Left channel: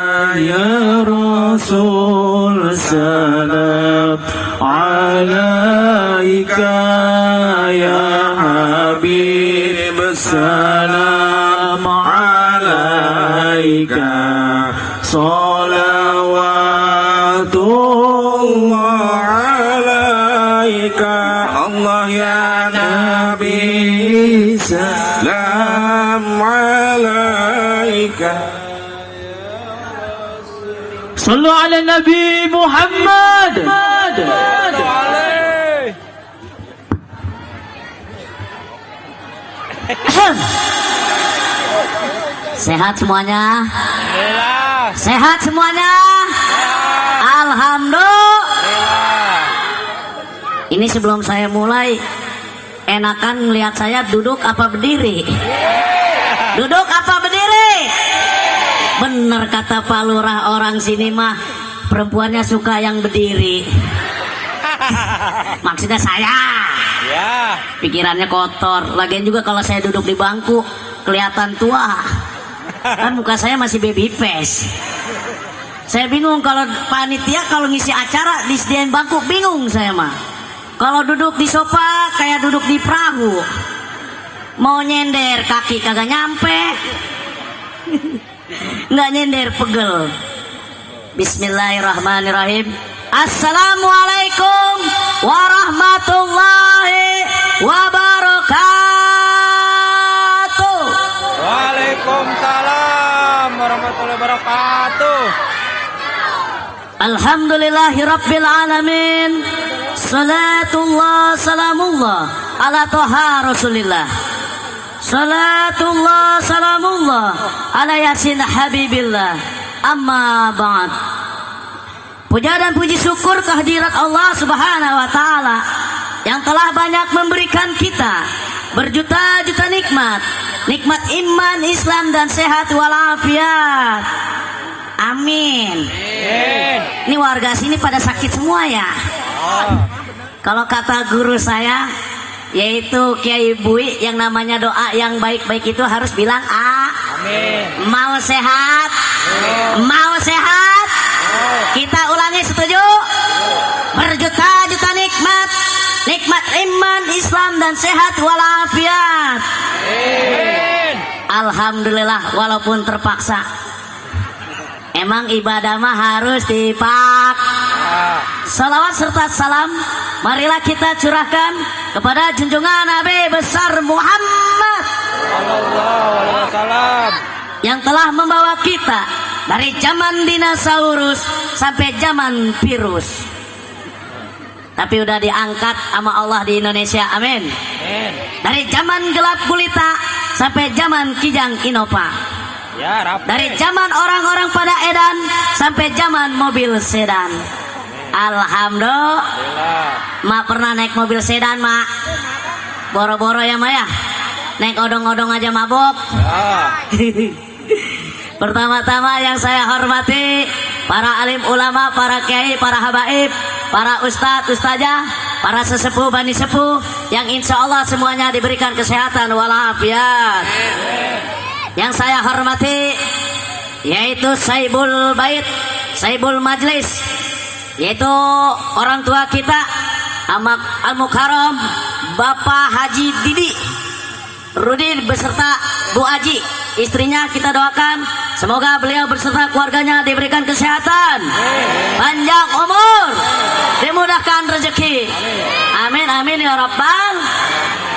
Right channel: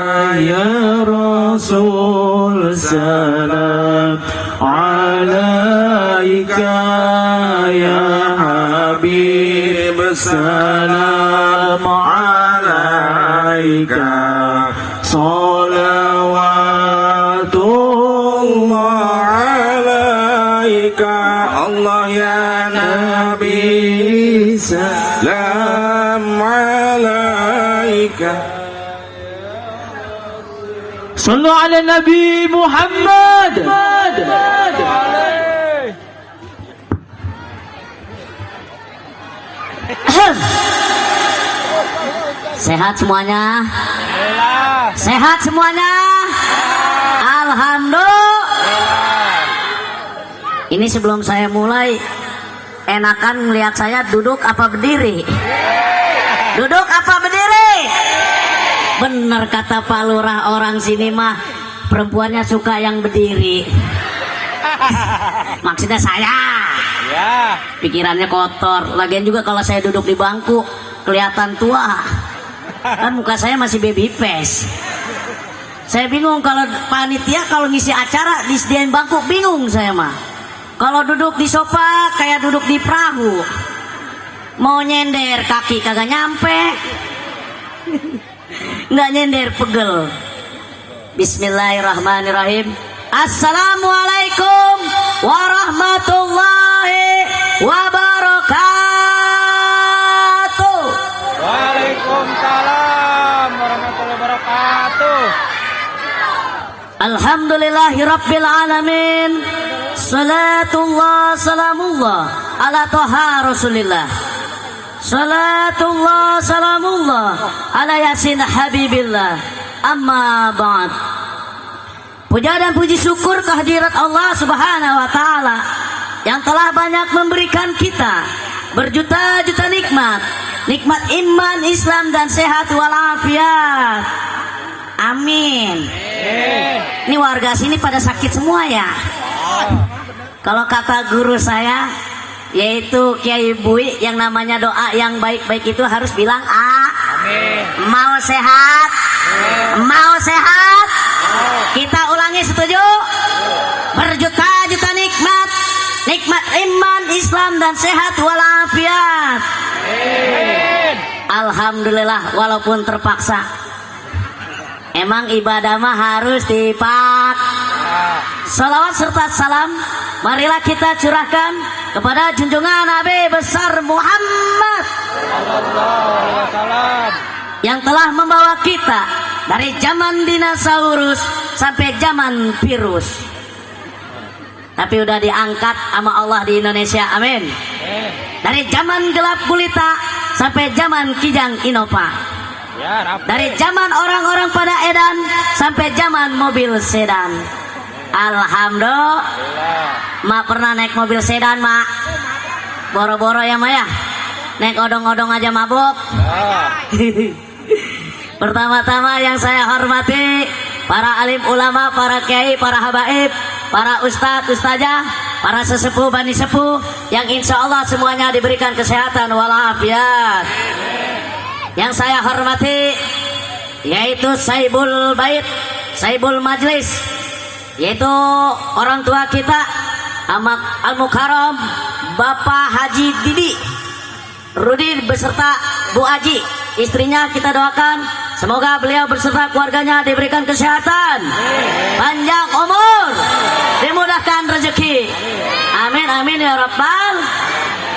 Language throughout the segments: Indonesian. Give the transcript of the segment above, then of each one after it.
Ya Rasul salam alaika ya Habib salam alaika salawatullah alaika Allah ya Nabi salam alaika. Sallu ala Nabi Muhammad. Sehat semuanya? Sehat semuanya? Alhamdulillah. Ini sebelum saya mulai, enakan melihat saya duduk apa berdiri? Duduk apa berdiri? Bener kata Pak Lurah, orang sini mah perempuannya suka yang berdiri. Maksudnya saya. Pikirannya kotor. Lagian juga kalau saya duduk di bangku kelihatan tua. Kan muka saya masih baby face. Saya bingung kalau panitia kalau ngisi acara disediain bangku, bingung saya mah. Kalau duduk di sofa kayak duduk di perahu. Mau nyender kaki kagak nyampe. Nggak nyender, pegel. Bismillahirrahmanirrahim. Assalamualaikum warahmatullahi wabarakatuh. Waalaikumsalam warahmatullahi wabarakatuh. Alhamdulillahi rabbil alamin. Salatullah salamullah ala toha rasulillah. Salatullah salamullah ala yasin habibillah. Amma ba'd. Puja dan puji syukur kehadirat Allah subhanahu wa ta'ala yang telah banyak memberikan kita berjuta-juta nikmat. Nikmat iman, Islam dan sehat walafiat. Amin. Ini warga sini pada sakit semua ya. Kalau kata guru saya, yaitu Kiai Bui, yang namanya doa yang baik-baik itu harus bilang amin. Mau sehat? Mau sehat? Kita ulangi, setuju? Berjuta-juta nikmat. Nikmat iman, Islam dan sehat walafiat. Alhamdulillah walaupun terpaksa. Emang ibadah mah harus salawat serta salam marilah kita curahkan kepada junjungan Nabi besar Muhammad yang telah membawa kita dari zaman dinosaurus sampai zaman virus. Tapi udah diangkat sama Allah di Indonesia, amin. Dari zaman gelap gulita sampai zaman kijang Innova. Dari zaman orang-orang pada edan sampai zaman mobil sedan. Alhamdulillah. Mak pernah naik mobil sedan, Mak? Boro-boro ya, Mak ya? Naik odong-odong aja mabuk. Pertama-tama yang saya hormati para alim ulama, para kiai, para habaib, para ustadz, ustazah, para sesepuh, bani sepuh yang insya Allah semuanya diberikan kesehatan walafiat. Yang saya hormati yaitu Saibul Bait, Saibul Majlis, yaitu orang tua kita Al-Mukarram Bapak Haji Didi Rudi beserta Bu Aji, istrinya kita doakan semoga beliau beserta keluarganya diberikan kesehatan, panjang umur, dimudahkan rezeki. Amin amin ya rabbal.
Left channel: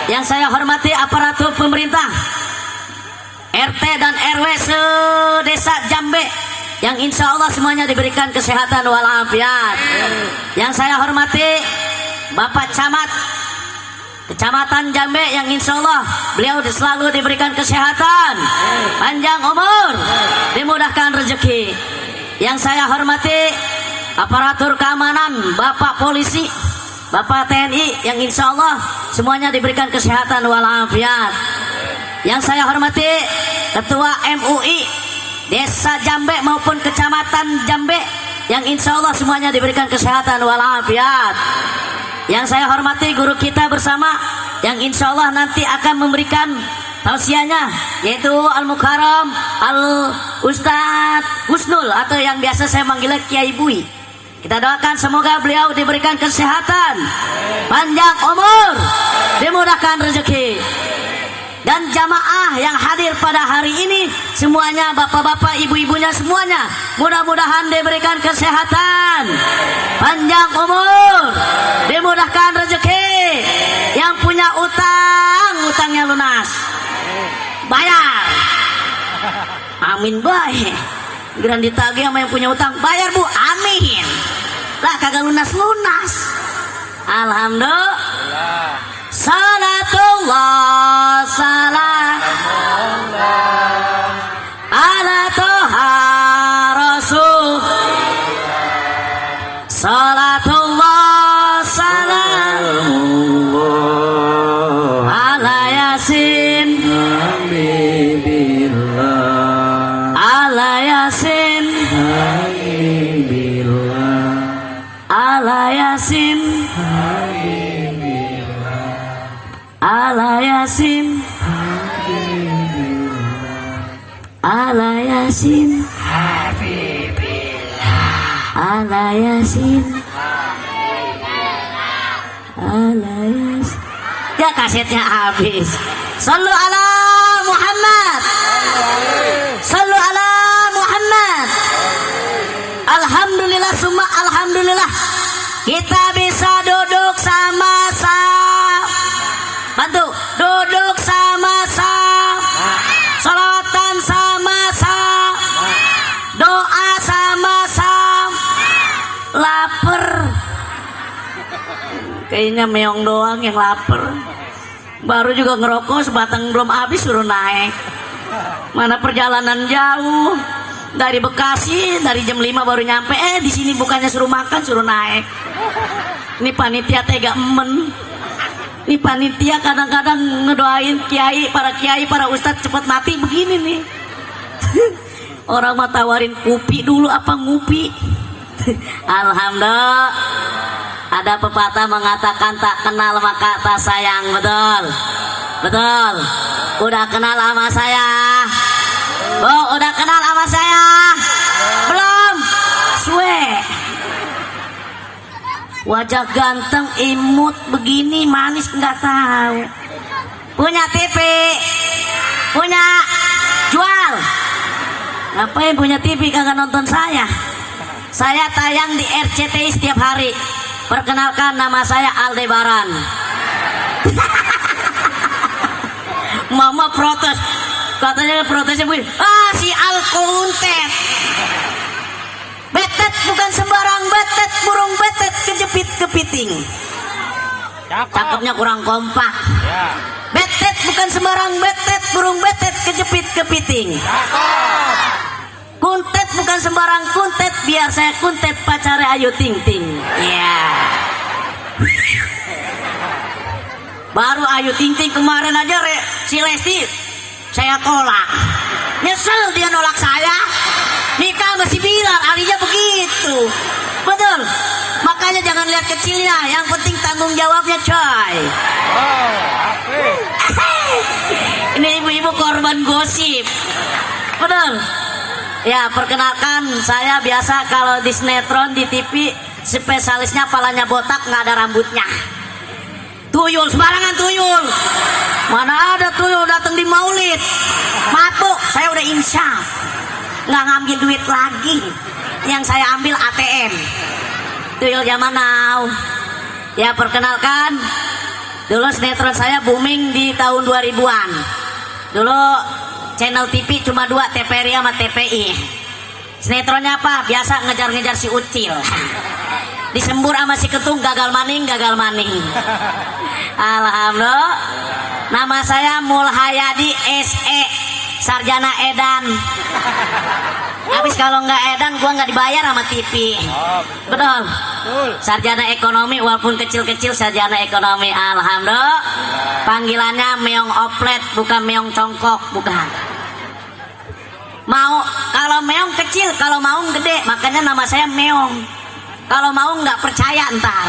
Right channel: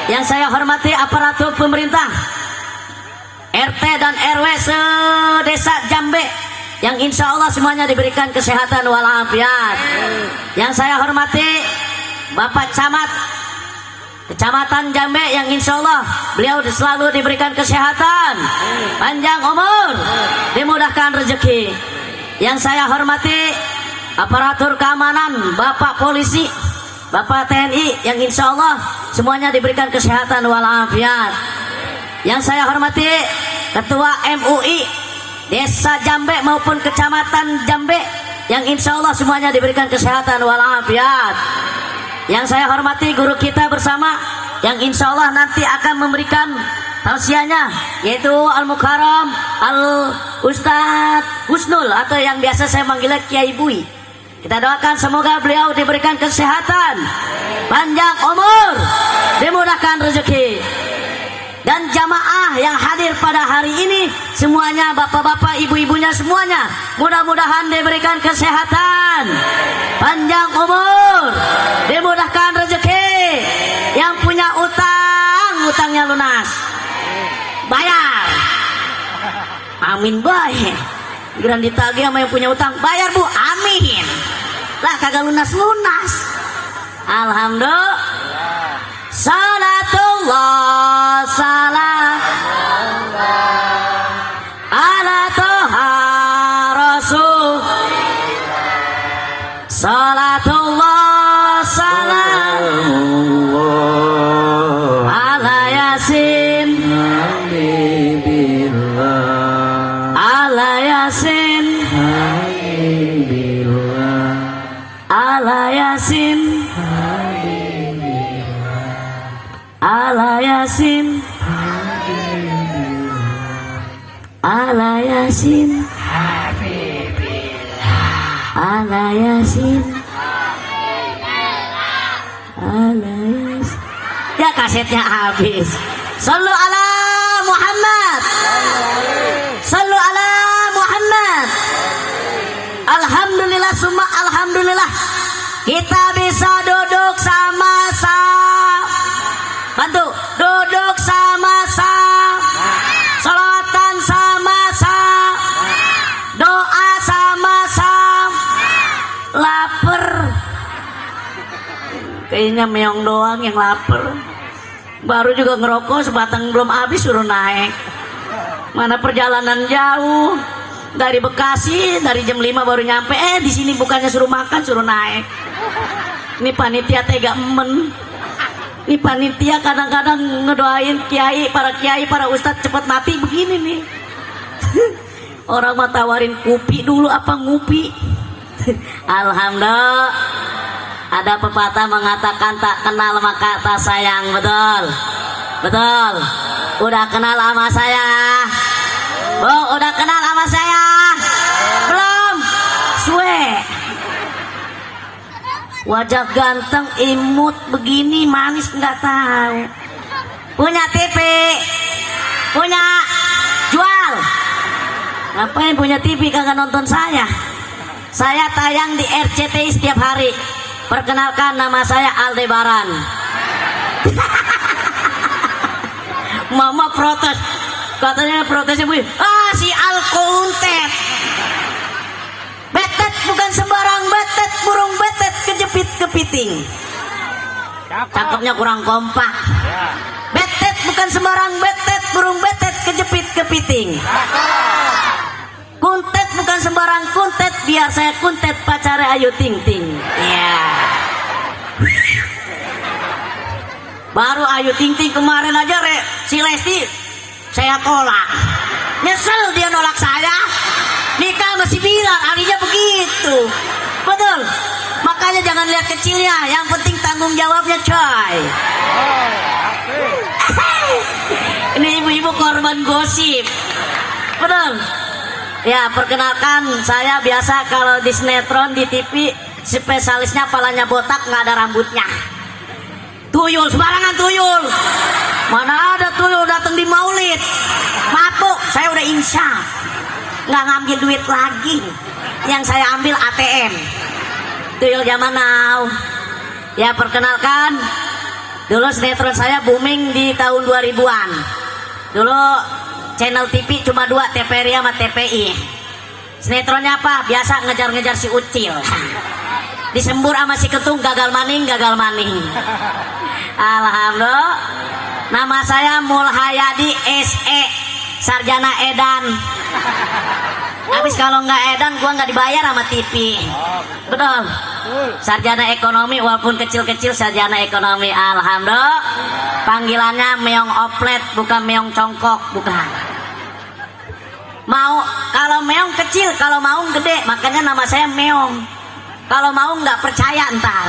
Yang saya hormati aparatur pemerintah RT dan RW se-Desa Jambe yang insya Allah semuanya diberikan kesehatan walafiat. Yang saya hormati Bapak Camat Kecamatan Jambe yang insya Allah beliau selalu diberikan kesehatan, panjang umur, dimudahkan rezeki. Yang saya hormati aparatur keamanan Bapak Polisi, Bapak TNI yang insya Allah semuanya diberikan kesehatan walafiat. Yang saya hormati Ketua MUI Desa Jambe maupun Kecamatan Jambe yang insya Allah semuanya diberikan kesehatan walafiat. Yang saya hormati guru kita bersama yang insya Allah nanti akan memberikan tausiahnya yaitu Al Mukarram Al Ustadz Husnul atau yang biasa saya manggilnya Kiai Bui. Kita doakan semoga beliau diberikan kesehatan, panjang umur, dimudahkan rezeki. Dan jamaah yang hadir pada hari ini semuanya, bapak-bapak, ibu-ibunya semuanya, mudah-mudahan diberikan kesehatan, panjang umur, dimudahkan rezeki. Yang punya utang, utangnya lunas, bayar. Amin baik. Geran ditagih sama yang punya utang, bayar bu, amin. Lah kagak lunas-lunas. Alhamdulillah. Salatullah salam ala toha rasul. Salatullah salam ala yasin ala yasin ala yasin ala yasin ala yasin ala yasin ala yasin. Ya kasetnya habis. Sallu ala Muhammad, sallu ala Muhammad. Alhamdulillah summa alhamdulillah kita bisa duduk sama-sama. Bantu duduk sama-sama, salatan sama-sama, doa sama-sama. Lapar, kayaknya meong doang yang lapar. Baru juga ngerokok sebatang belum habis suruh naik. Mana perjalanan jauh dari Bekasi, dari jam 5 baru nyampe. Di sini bukannya suruh makan, suruh naik. Ini panitia tega emen. Ini panitia kadang-kadang ngedoain kiai, para ustadz cepat mati begini nih. Orang mau tawarin kopi dulu apa ngupi. Alhamdulillah. Ada pepatah mengatakan tak kenal maka tak sayang. Betul? Betul. Udah kenal sama saya? Oh, udah kenal sama saya? Belum? Suwe. Wajah ganteng, imut begini, manis nggak tahu. Punya TV, punya jual. Ngapain punya TV kagak nonton saya? Saya tayang di RCTI setiap hari. Perkenalkan, nama saya Aldebaran. Mama protes, katanya protesnya bu, si Alkuntet. Betet bukan sembarang betet, burung betet kejepit kepiting. Cakepnya kurang kompak. Betet bukan sembarang betet, burung betet kejepit kepiting. Kuntet bukan sembarang kuntet, biar saya kuntet pacarnya Ayu Ting Ting. Ya. Baru Ayu Ting Ting kemarin aja si Lesti saya tolak. Nyesel dia nolak saya. Nikah masih bilang alinya begitu. Betul. Makanya jangan lihat kecilnya, yang penting tanggung jawabnya coy. Ini ibu-ibu korban gosip. Betul. Ya, perkenalkan, saya biasa kalau di sinetron di TV spesialisnya palanya botak, nggak ada rambutnya. Tuyul, sembarangan tuyul. Mana ada tuyul datang di maulid. Mabuk, saya udah insya nggak ngambil duit lagi. Yang saya ambil ATM. Tuyul zaman now. Ya, perkenalkan, dulu sinetron saya booming di tahun 2000-an. Dulu channel TV cuma 2, TVRI sama TPI. Sinetronnya apa? Biasa ngejar-ngejar si Ucil. Disembur sama si Ketung, gagal maning. Alhamdulillah. Nama saya Mulhayadi SE, sarjana edan. Habis kalau nggak edan, gua nggak dibayar sama TV. Betul. Sarjana ekonomi, walaupun kecil-kecil sarjana ekonomi. Alhamdulillah. Panggilannya meong oplet, bukan meong congkok, bukan. Mau kalau meong kecil, kalau maung gede, makanya nama saya meong. Kalau mau nggak percaya entar.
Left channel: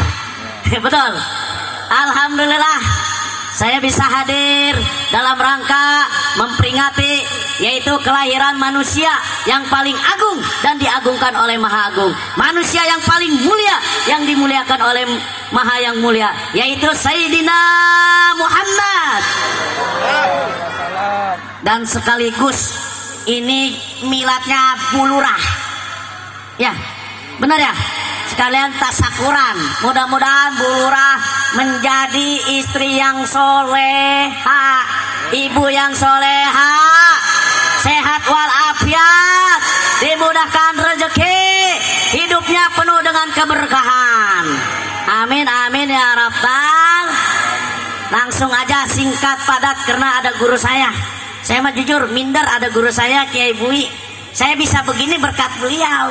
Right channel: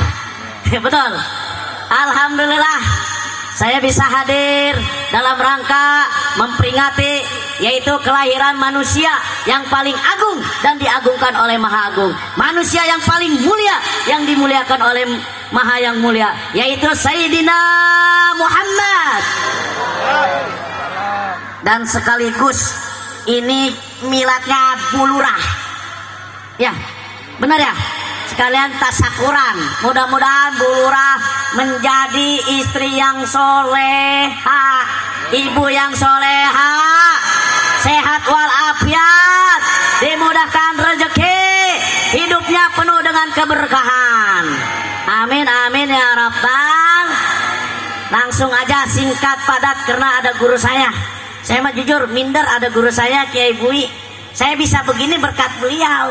Betul. Alhamdulillah. saya bisa hadir dalam rangka memperingati yaitu kelahiran manusia yang paling agung dan diagungkan oleh Maha Agung, manusia yang paling mulia yang dimuliakan oleh Maha yang mulia, yaitu Sayyidina Muhammad. Dan sekaligus ini miladnya Bu Lurah, ya benar ya, sekalian tasyakuran. Mudah-mudahan Bu Lurah menjadi istri yang soleha, ibu yang soleha, sehat walafiat, dimudahkan rezeki, hidupnya penuh dengan keberkahan. Amin amin ya rabbal. Langsung aja singkat padat karena ada guru saya. Saya mah jujur minder ada guru saya Kiai Bui. Saya bisa begini berkat beliau.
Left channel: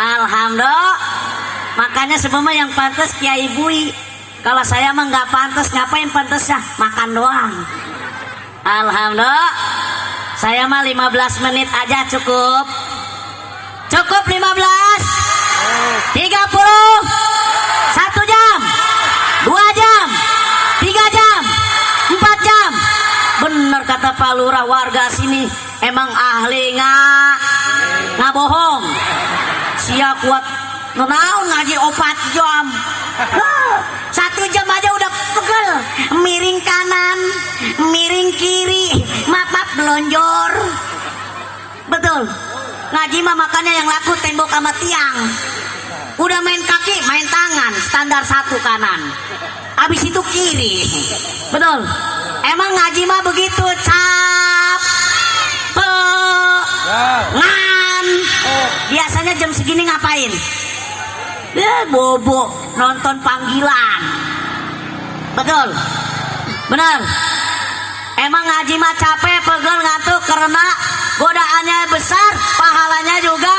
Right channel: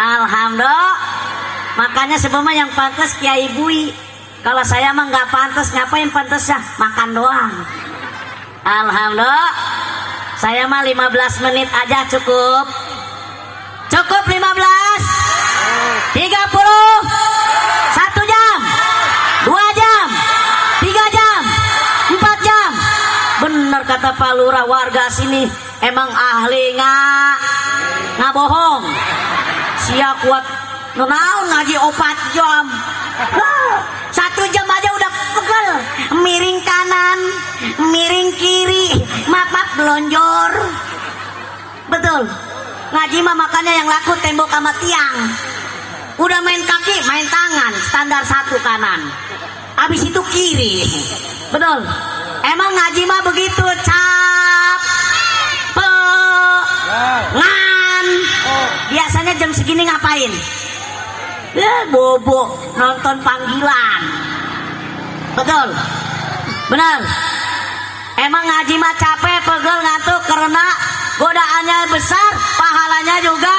Alhamdulillah. Makanya sebenarnya yang pantas Kiai Bui. Kalau saya mah nggak pantas, ngapain pantas ya? Makan doang. Alhamdulillah. Saya mah 15 menit aja cukup. Cukup 15. 30. 1 jam. 2 jam. 3 jam. 4 jam. Bener kata Pak Lurah, warga sini emang ahli nggak bohong. Siap kuat nunaun ngaji 4 jam. 1 jam aja udah pegel, miring kanan, miring kiri, maaf belonjor. Betul. Ngaji mah makanya yang laku tembok sama tiang. Udah main kaki, main tangan, standar 1 kanan. Habis itu kiri. Betul. Emang ngaji mah begitu, cap, ngan. Biasanya jam segini ngapain? Bobo nonton panggilan. Betul. Benar. Emang ngaji mah capek, pegel, ngantuk karena godaannya besar, pahalanya juga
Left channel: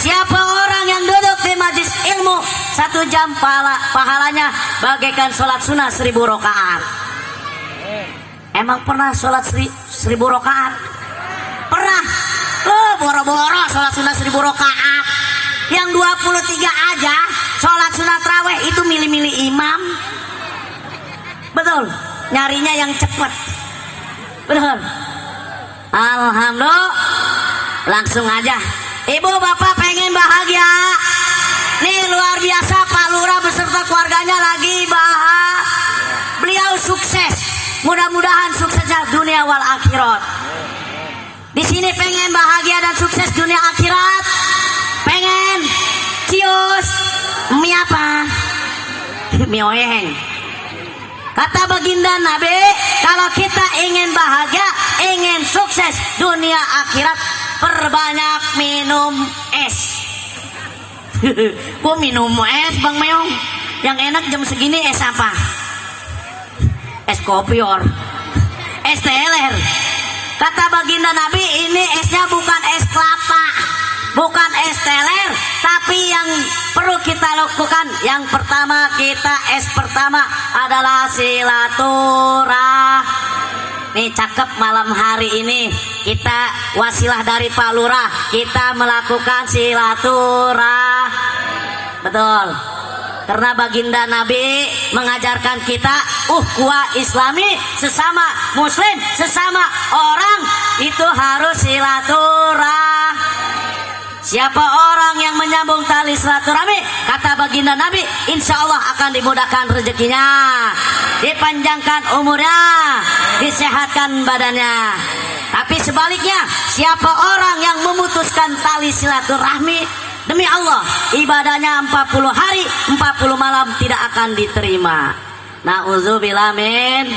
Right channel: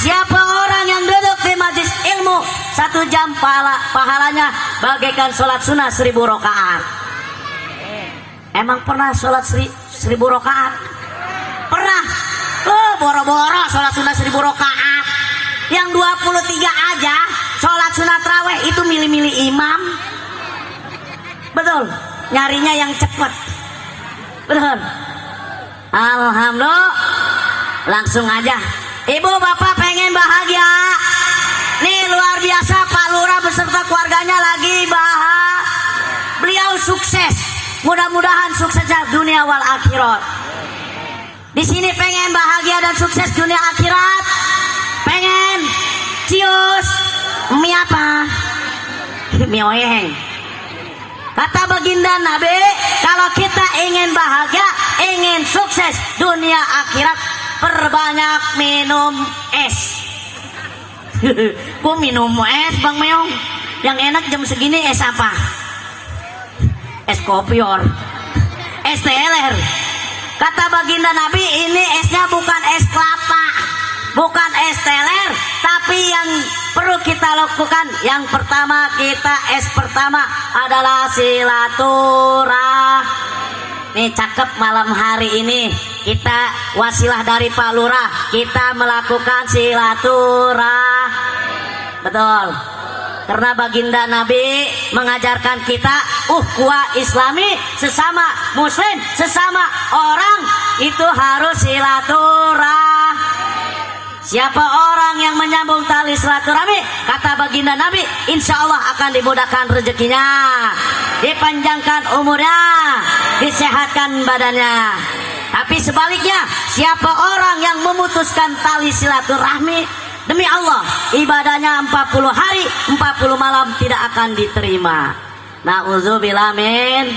Siapa orang yang duduk di majelis ilmu 1 jam pahalanya bagaikan sholat sunnah 1000 rakaat. Emang pernah sholat 1000 rakaat? Pernah. Boro-boro sholat sunnah 1000 rakaat. Yang 23 aja sholat sunat raweh itu milih-milih imam. Betul. Nyarinya yang cepat. Betul. Alhamdulillah. Langsung aja. Ibu bapak pengen bahagia. Nih luar biasa Pak Lurah beserta keluarganya lagi beliau sukses. Mudah-mudahan suksesnya dunia wal akhirat. Di sini pengen bahagia dan sukses dunia akhirat. Pengen cius mie apa? Mie oyeng. Kata baginda Nabi, kalau kita ingin bahagia, ingin sukses dunia akhirat, perbanyak minum es. Kok minum es Bang Meong? Yang enak jam segini es apa? Es kopior, es teler. Kata baginda Nabi, ini esnya bukan es kelapa, bukan es teler, tapi yang perlu kita lakukan yang pertama, es pertama adalah silaturahmi. Nih cakep, malam hari ini kita wasilah dari Pak Lurah, kita melakukan silaturahmi. Betul. Karena baginda Nabi mengajarkan kita ukhuwah Islami, sesama muslim, sesama orang itu harus silaturahmi. Siapa orang yang menyambung tali silaturahmi, kata baginda Nabi, insya Allah akan dimudahkan rezekinya, dipanjangkan umurnya, disehatkan badannya. Tapi sebaliknya, siapa orang yang memutuskan tali silaturahmi, demi Allah, ibadahnya 40 hari, 40 malam tidak akan diterima. Na'udzubillah min.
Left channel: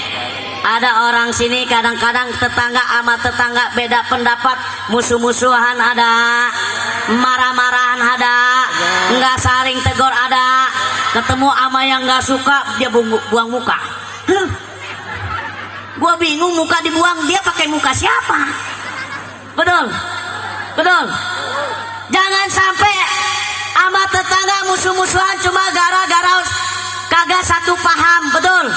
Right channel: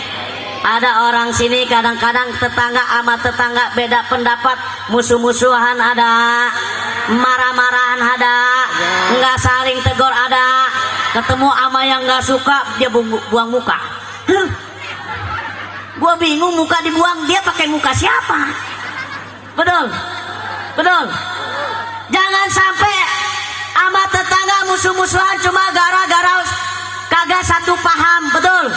Ada orang sini kadang-kadang tetangga sama tetangga beda pendapat, musuh-musuhan ada, marah-marahan ada, nggak saling tegur ada, ketemu sama yang nggak suka dia buang muka. Gua bingung, muka dibuang, dia pakai muka siapa? Betul, betul. Jangan sampai sama tetangga musuh-musuhan cuma gara-gara kagak satu paham. Betul.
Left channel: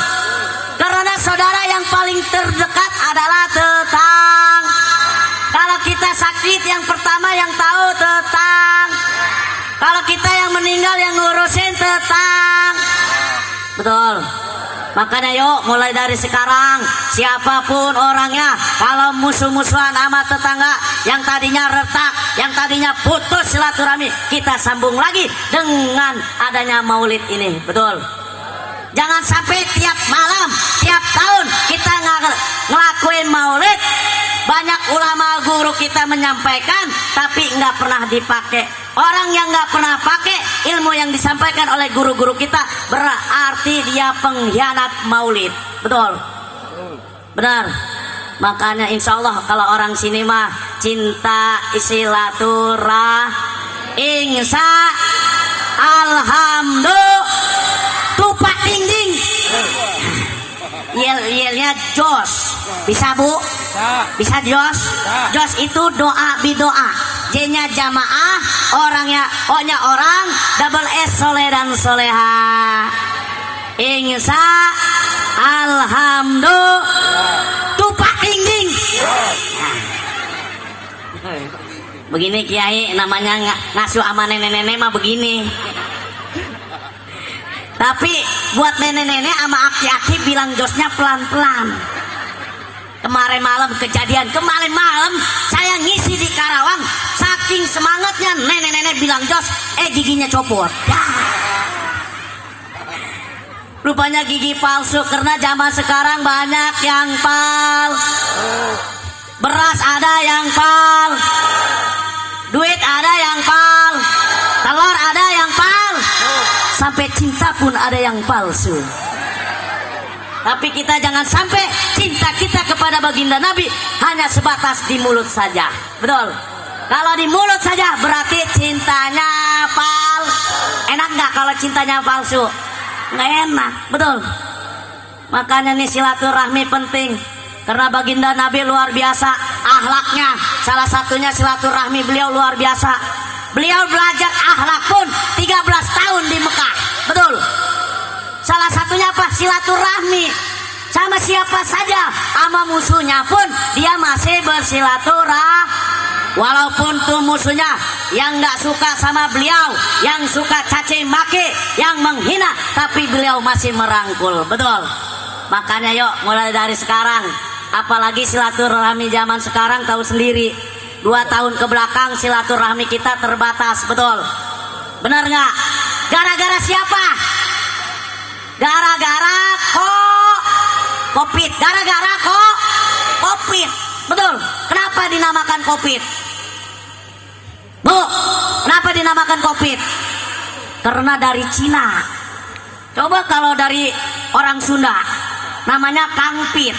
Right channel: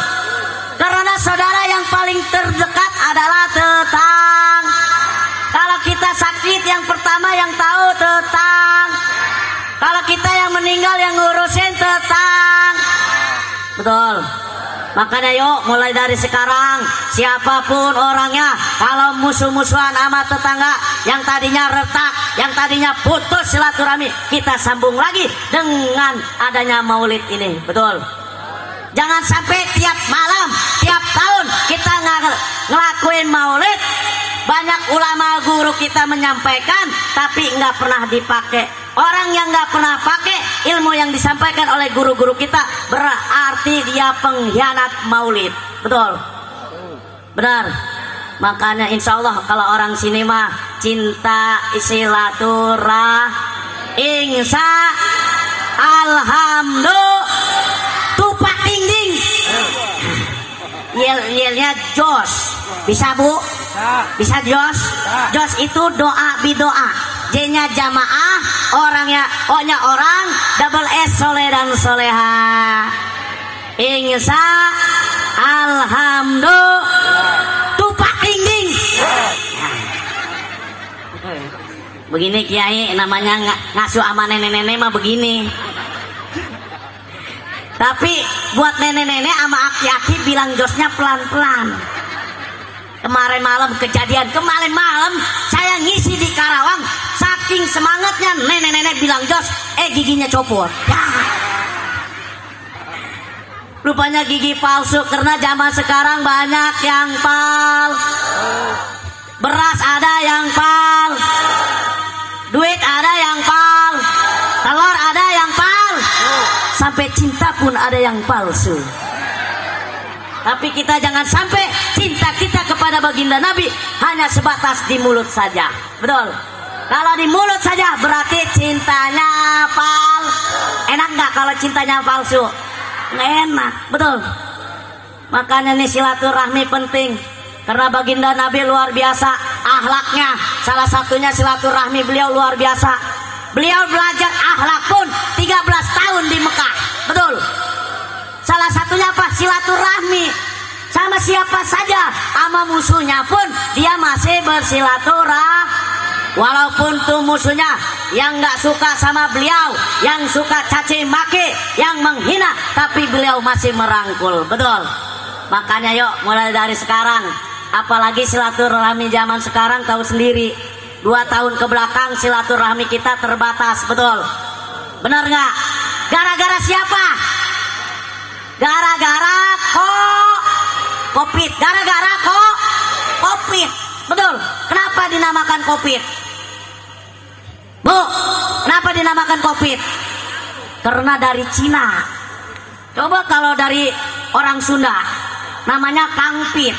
Karena saudara yang paling terdekat adalah tetang. Kalau kita sakit yang pertama yang tahu tetang. Kalau kita yang meninggal yang ngurusin tetang. Betul. Makanya yuk mulai dari sekarang siapapun orangnya, kalau musuh-musuhan sama tetangga yang tadinya retak, yang tadinya putus silaturahmi, kita sambung lagi dengan adanya maulid ini. Betul? Jangan sampai tiap malam, tiap tahun kita ngelakuin maulid. Banyak ulama guru kita menyampaikan tapi nggak pernah dipakai. Orang yang nggak pernah pakai ilmu yang disampaikan oleh guru-guru kita berarti dia pengkhianat maulid. Betul? Benar. Makanya insya Allah kalau orang sini mah cinta silaturahmi, insya alhamdulillah tupak dinding. Yelnya jos. Bisa bu? Bisa jos? Jos itu doa bidoa. J-nya jamaah, orangnya O-nya orang, double S soleh dan soleha. Insya alhamdulillah tupak dinding. Begini kiai namanya ngasuh sama nenek-nenek mah begini. Tapi buat nenek-nenek sama aki-aki bilang josnya pelan-pelan. Kemarin malam kejadian, kemarin malam saya ngisi di Karawang, saking semangatnya nenek-nenek bilang jos, giginya copot. Ya. Rupanya gigi palsu karena zaman sekarang banyak yang beras ada yang duit ada yang telur ada yang sampai cinta pun ada yang palsu. Tapi kita jangan sampai cinta kita kepada baginda Nabi hanya sebatas di mulut saja. Betul? Kalau di mulut saja berarti cintanya enak nggak kalau cintanya palsu? Nggak enak. Betul? Makanya nih silaturahmi penting. Karena baginda Nabi luar biasa akhlaknya. Salah satunya silaturahmi beliau luar biasa. Beliau belajar akhlak pun 13 tahun di Mekah. Betul? Salah satunya apa? Silaturahmi. Sama siapa saja, sama musuhnya pun dia masih bersilaturahmi. Walaupun tuh musuhnya yang nggak suka sama beliau, yang suka caci maki, yang menghina, tapi beliau masih merangkul. Betul? Makanya yuk mulai dari sekarang, apalagi silaturahmi zaman sekarang tahu sendiri. 2 tahun ke belakang silaturahmi kita terbatas. Betul? Benar nggak? Gara-gara siapa? Gara-gara COVID. Gara-gara COVID. Betul? Kenapa dinamakan COVID? Bu, kenapa dinamakan COVID? Karena dari Cina. Coba kalau dari orang Sunda namanya Kangpit.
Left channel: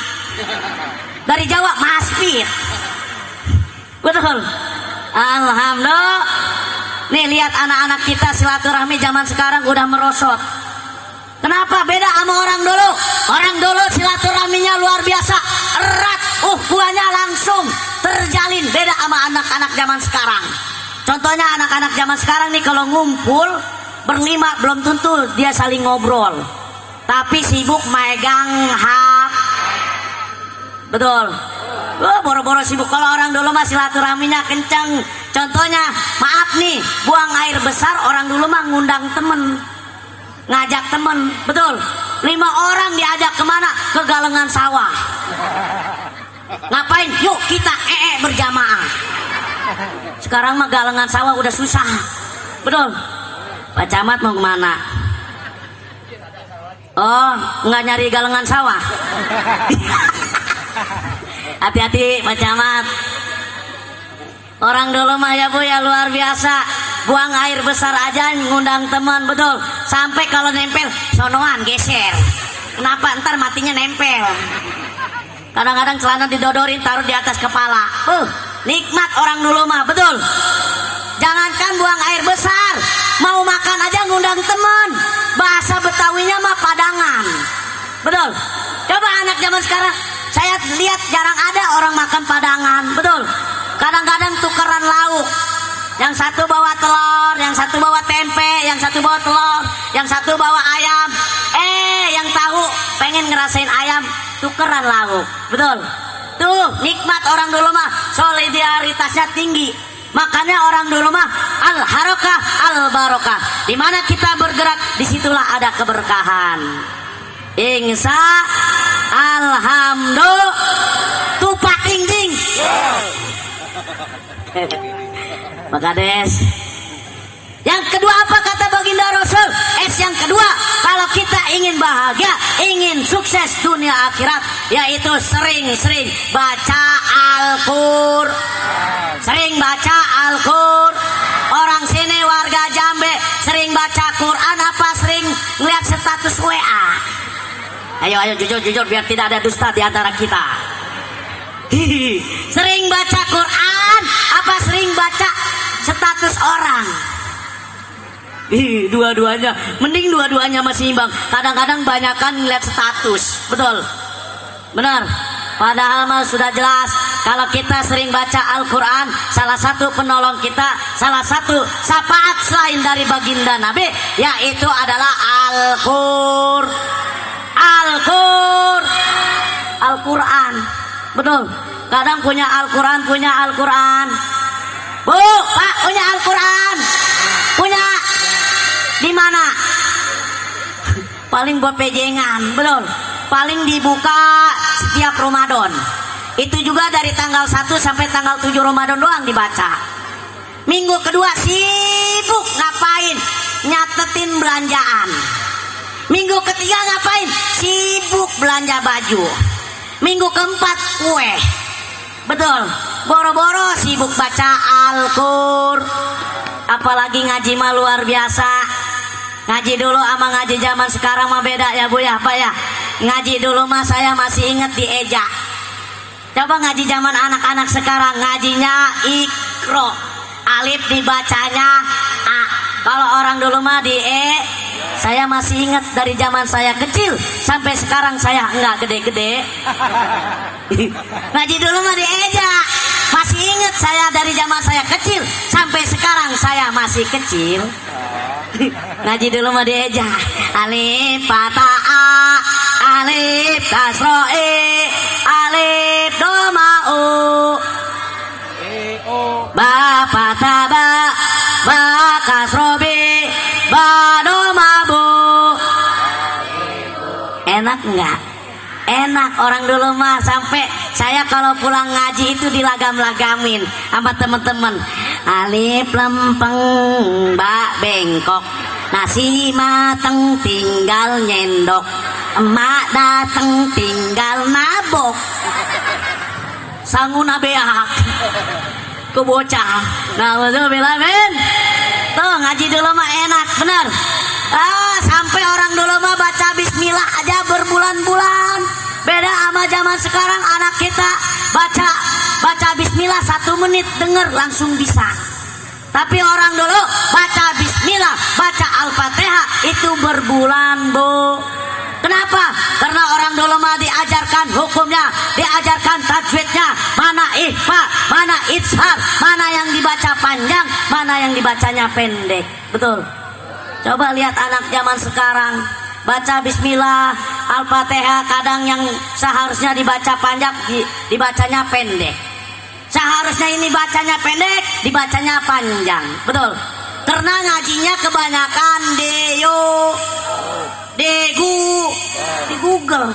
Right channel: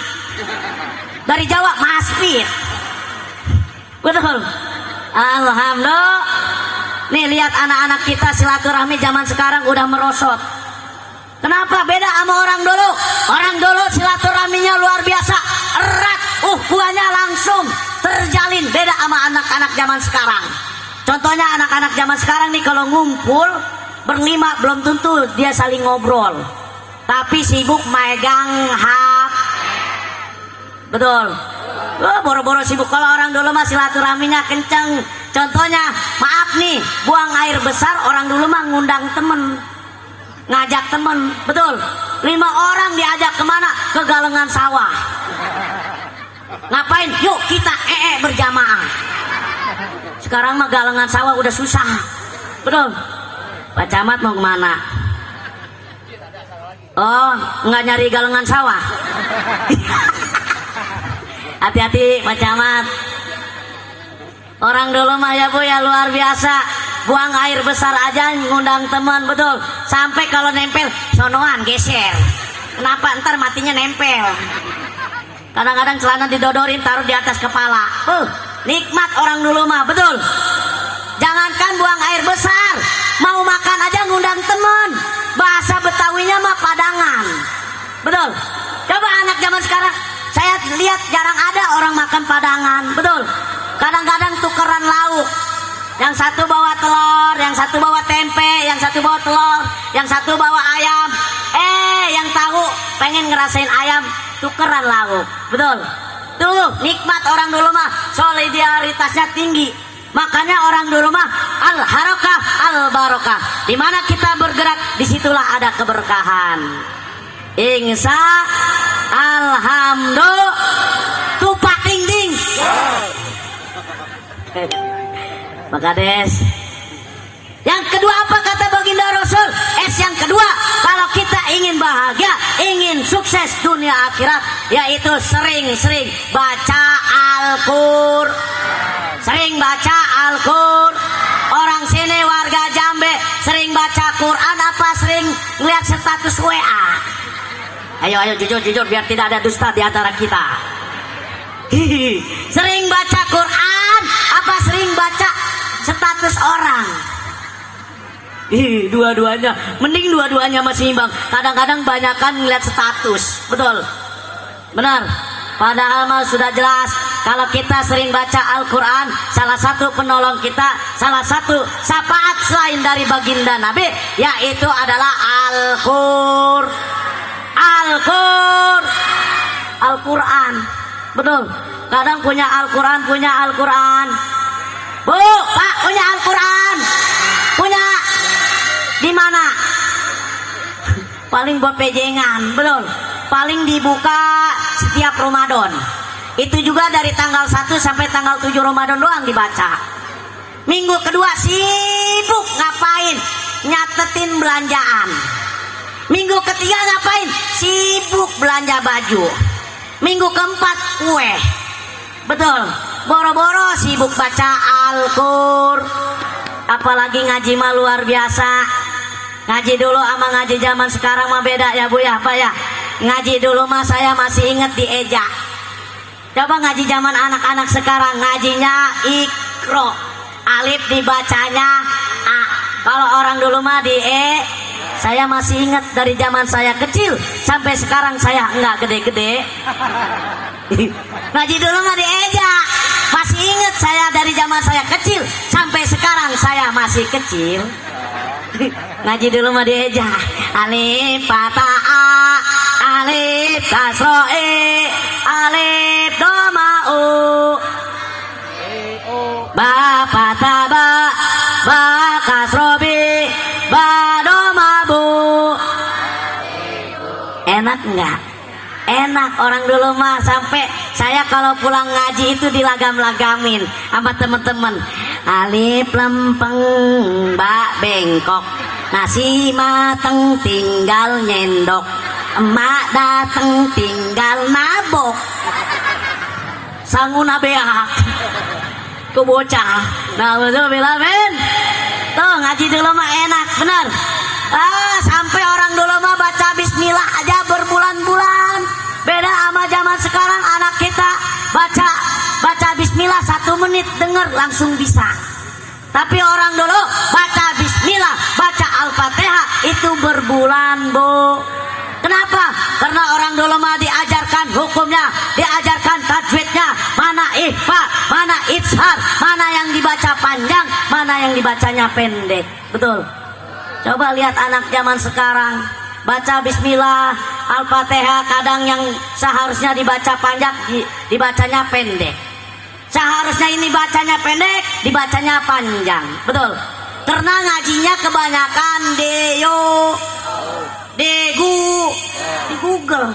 Dari Jawa Maspit. Betul? Alhamdulillah. Nih lihat anak-anak kita silaturahmi zaman sekarang udah merosot. Kenapa beda sama orang dulu? Orang dulu silaturahminya luar biasa, erat, kuahnya langsung terjalin. Beda sama anak-anak zaman sekarang. Contohnya anak-anak zaman sekarang nih kalau ngumpul berlima belum tentu dia saling ngobrol, tapi sibuk megang HP. Betul? Boro-boro sibuk. Kalau orang dulu mah silaturahminya kencang. Contohnya, maaf nih, buang air besar orang dulu mah ngundang temen, ngajak temen. Betul? 5 orang diajak kemana? Ke galengan sawah. Ngapain? Yuk kita berjamaah. Sekarang mah galengan sawah udah susah. Betul? Pak Camat mau kemana? Oh, nggak nyari galengan sawah. Hati-hati Pak Camat. Orang dulu mah ya Bu ya luar biasa. Buang air besar aja ngundang teman. Betul? Sampai kalau nempel sonoan geser. Kenapa? Ntar matinya nempel. Kadang-kadang celana didodorin taruh di atas kepala. Nikmat orang dulu mah. Betul? Jangankan buang air besar, mau makan aja ngundang teman. Bahasa Betawinya mah padangan. Betul? Coba anak zaman sekarang, saya lihat jarang ada orang makan padangan. Betul? Kadang-kadang tukeran lauk. Yang satu bawa telur, yang satu bawa tempe, yang satu bawa telur, yang satu bawa ayam. Yang tahu pengen ngerasain ayam, tukeran lauk. Betul? Tuh nikmat orang dulu mah, solidaritasnya tinggi. Makanya orang dulu mah al-harokah al-barokah. Dimana kita bergerak, disitulah ada keberkahan. Ingsa alhamdulillah tupak ding ding. Maka des. Yang kedua apa kata baginda Rasul? Yang kedua, kalau kita ingin bahagia, ingin sukses dunia akhirat, yaitu sering-sering baca Al-Qur'an. Sering baca Al-Qur'an. Orang sini warga Jambe sering baca Quran apa sering melihat status WA? Ayo jujur biar tidak ada dusta di antara kita. Sering baca Quran apa sering baca status orang? Dua-duanya, mending dua-duanya masih imbang. Kadang-kadang banyakan ngeliat status, betul, benar. Padahal mah sudah jelas kalau kita sering baca Al-Quran, salah satu penolong kita, salah satu syafaat selain dari baginda Nabi, yaitu adalah Al-Quran, betul. Kadang punya Al-Quran. Bu, Pak, punya Al-Quran, punya. Di mana? Paling buat pejengan, betul. Paling dibuka setiap Ramadan. Itu juga dari tanggal 1 sampai tanggal 7 Ramadan doang dibaca. Minggu kedua sibuk ngapain? Nyatetin belanjaan. Minggu ketiga ngapain? Sibuk belanja baju. Minggu keempat kue. Betul. Boro-boro sibuk baca Al-Qur'an. Apalagi ngaji mah luar biasa. Ngaji dulu sama ngaji zaman sekarang mah beda ya Bu ya, Pak ya. Ngaji dulu mah saya masih inget di eja. Coba ngaji zaman anak-anak sekarang, ngajinya ikro, alif dibacanya a. Kalau orang dulu mah di e. Saya masih inget dari zaman saya kecil sampai sekarang saya enggak gede-gede. Ngaji dulu mah di eja. Masih inget saya dari zaman saya kecil sampai sekarang saya masih kecil. Ngaji dulu mah dieja. Alif fatha a, alif kasro e, alif doma u, ba fatha ba, ba kasro bi, ba doma bu. Enak enggak? Enak. Orang dulu mah sampai saya kalau pulang ngaji itu dilagam-lagamin sama temen-temen. Alif lempeng, bak bengkok, nasi mateng tinggal nyendok, emak dateng tinggal nabok. Sanguna beak ke bocah. Nah betul bilamin. Tuh ngaji dulu mah enak, bener. Sampai orang dulu mah baca bismillah aja berbulan-bulan. Beda sama zaman sekarang, anak kita baca bismillah 1 menit denger langsung bisa. Tapi orang dulu baca bismillah, baca Al-Fatihah itu berbulan Bu. Kenapa? Karena orang dulu mah diajarkan hukumnya, diajarkan tajwidnya, mana ihfa, mana ishar, mana yang dibaca panjang, mana yang dibacanya pendek. Betul. Coba lihat anak zaman sekarang, baca bismillah, Al-Fatihah kadang yang seharusnya dibaca panjang dibacanya pendek. Seharusnya ini bacanya pendek, dibacanya panjang. Betul. Karena ngajinya kebanyakan degu di Google.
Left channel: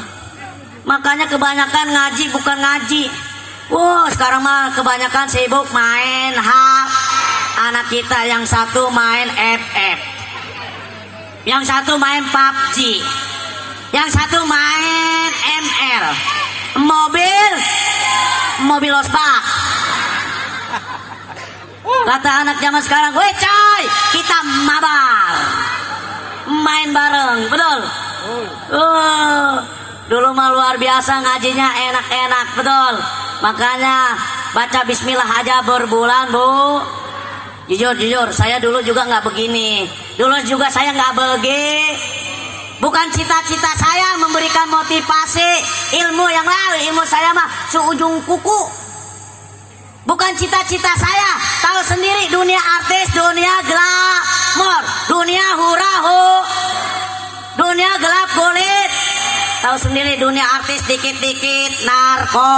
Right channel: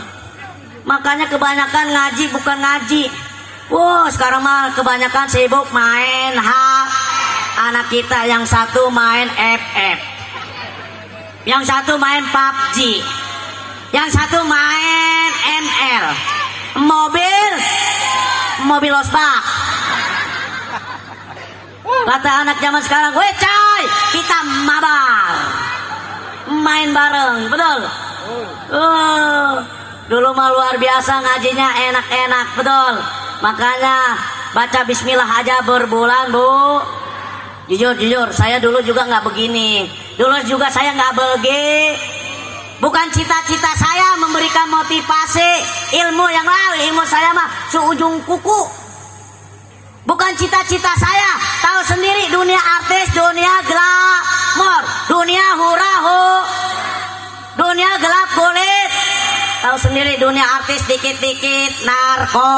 Makanya kebanyakan ngaji bukan ngaji. Sekarang mah kebanyakan sibuk main HP. Anak kita yang satu main FF, yang satu main PUBG, yang satu main ML, mobil losbak. Kata anak zaman sekarang, "Weh coy, kita mabar, main bareng." Betul. Dulu mah luar biasa ngajinya, enak-enak. Betul. Makanya baca bismillah aja berbulan Bu. Jujur, saya dulu juga nggak begini. Dulu juga saya nggak begi. Bukan cita-cita saya memberikan motivasi ilmu yang lain. Ilmu saya mah seujung kuku. Bukan cita-cita saya. Tahu sendiri dunia artis, dunia glamor, dunia hura-hu, dunia gelap kulit. Tahu sendiri dunia artis dikit-dikit narko.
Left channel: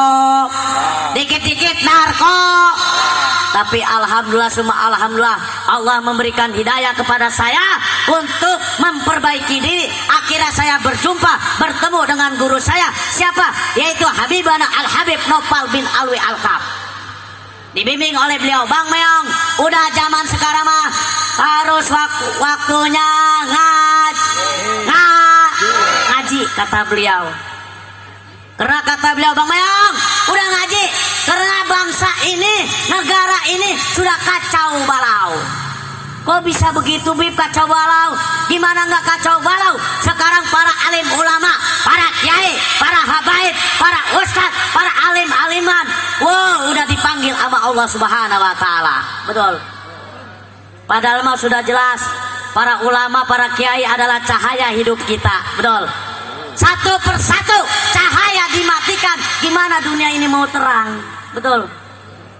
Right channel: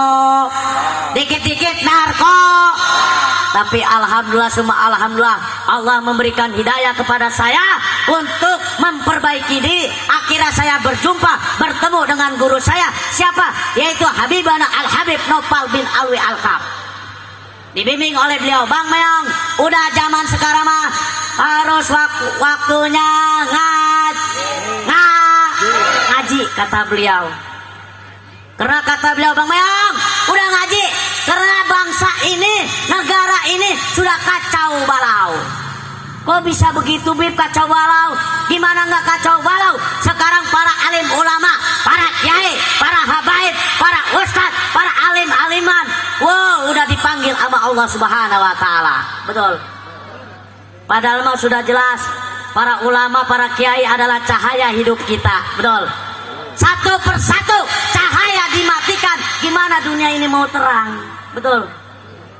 Tapi alhamdulillah, summa alhamdulillah, Allah memberikan hidayah kepada saya untuk memperbaiki diri. Akhirnya saya bertemu dengan guru saya. Siapa? Yaitu Habibana Al-Habib Nopal bin Alwi Al-Kaf. Dibimbing oleh beliau. Bang Meong, udah zaman sekarang mah harus waktunya ngaji, kata beliau. Karena kata beliau, Bang Meong, udah ngaji. Karena bangsa ini, negara ini sudah kacau balau. Kok bisa begitu, Bib, kacau balau? Gimana nggak kacau balau? Sekarang para alim ulama, para kiai, para habaib, para ustadz, para alim-aliman, wow, udah dipanggil sama Allah Subhanahu Wa Taala. Betul. Padahal mah sudah jelas, para ulama, para kiai adalah cahaya hidup kita. Betul. Satu persatu cahaya dimatikan, gimana dunia ini mau terang? Betul.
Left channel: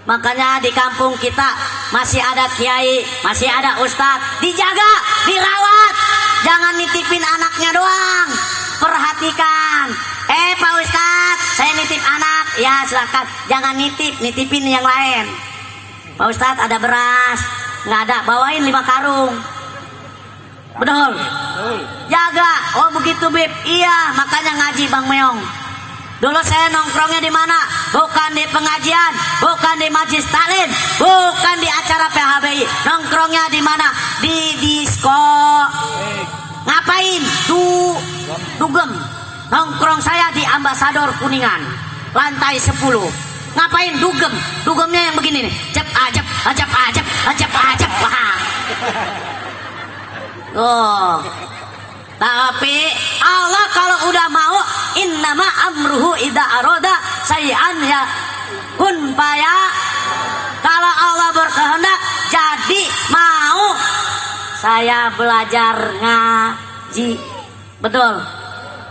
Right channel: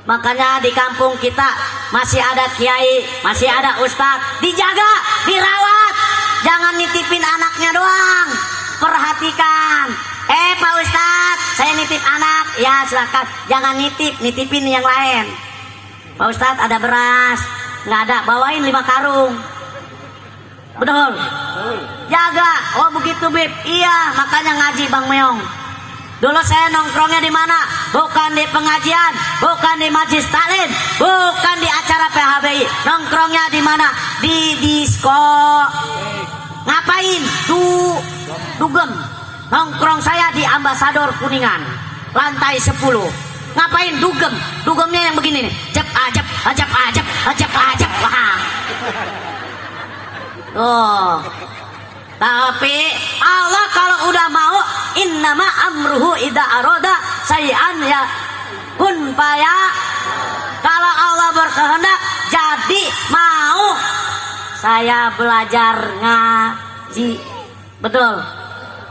Makanya di kampung kita masih ada kiai, masih ada ustadz, dijaga, dirawat. Jangan nitipin anaknya doang. Perhatikan. Pak Ustadz, saya nitip anak. Ya silakan, jangan nitipin yang lain. Pak Ustadz, ada beras, nggak ada, bawain 5 karung. Betul. Jaga. Oh begitu, Bib. Iya, makanya ngaji, Bang Meong. Dulu saya nongkrongnya di mana? Bukan di pengajian, bukan di majlis taklim, bukan di acara PHBI. Nongkrongnya di mana? Di disko. Ngapain? Dugem. Nongkrong saya di Ambasador Kuningan, lantai 10. Ngapain? Dugem. Dugemnya yang begini nih. Ajep. Wah. Oh. Tapi Allah kalau udah mau, innama amruhu idza arada sayyan ya kun faya. Kalau Allah berkehendak jadi mau. Saya belajar ngaji. Betul.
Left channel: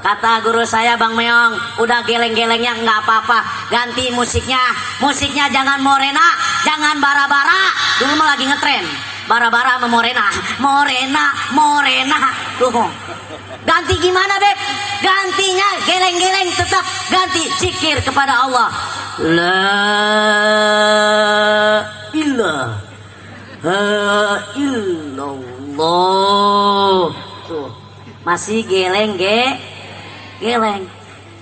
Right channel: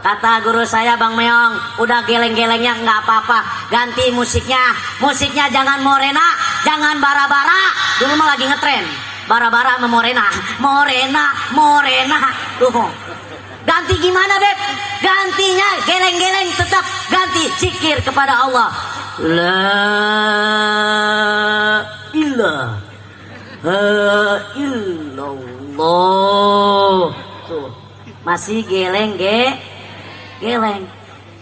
Kata guru saya, Bang Meong, udah geleng-gelengnya nggak apa-apa, ganti musiknya. Musiknya jangan Morena, jangan bara-bara. Dulu mah lagi ngetren bara-bara sama Morena. Tuh. Ganti gimana, Beb? Gantinya geleng-geleng, tetap ganti zikir kepada Allah. La ilaha illallah. Tuh. Masih geleng.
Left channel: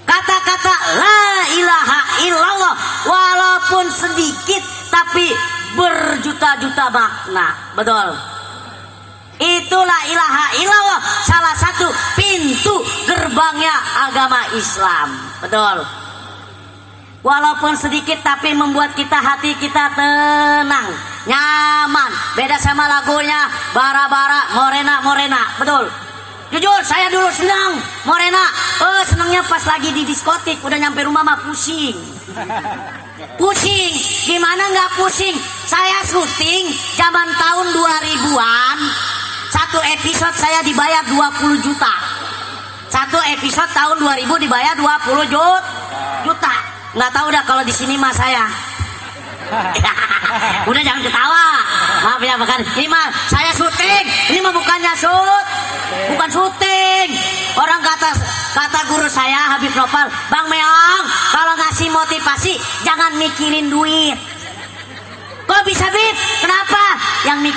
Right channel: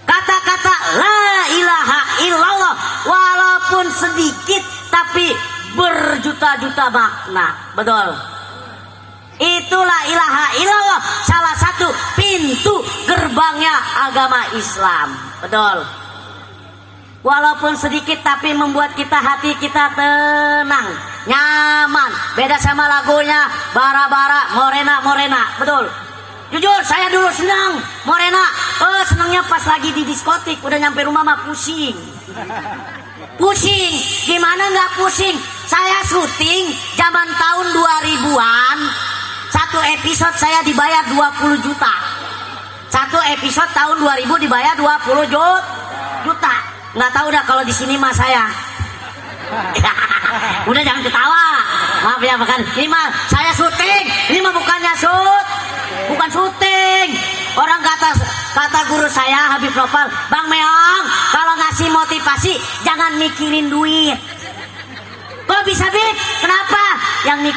Kata-kata la ilaha illallah walaupun sedikit tapi berjuta-juta makna. Betul. Itulah ilaha illallah, salah satu pintu gerbangnya agama Islam. Betul. Walaupun sedikit tapi membuat hati kita tenang, nyaman. Beda sama lagunya bara-bara, morena. Betul. Jujur saya dulu senang Morena. Senangnya pas lagi di diskotik, udah nyampe rumah mah pusing. Gimana nggak pusing? Saya syuting zaman tahun 2000-an. Satu episode saya dibayar 20 juta. Satu episode tahun 2000 dibayar 20 juta. Nggak tahu dah kalau di sini mah saya. Udah jangan ketawa. Maaf ya, bukan. Ini mah saya syuting. Ini mah bukannya bukan syuting. Orang kata guru saya Habib Nopal, Bang Meong, kalau ngasih motivasi jangan mikirin duit. Kok bisa, Bib? Kenapa? Yang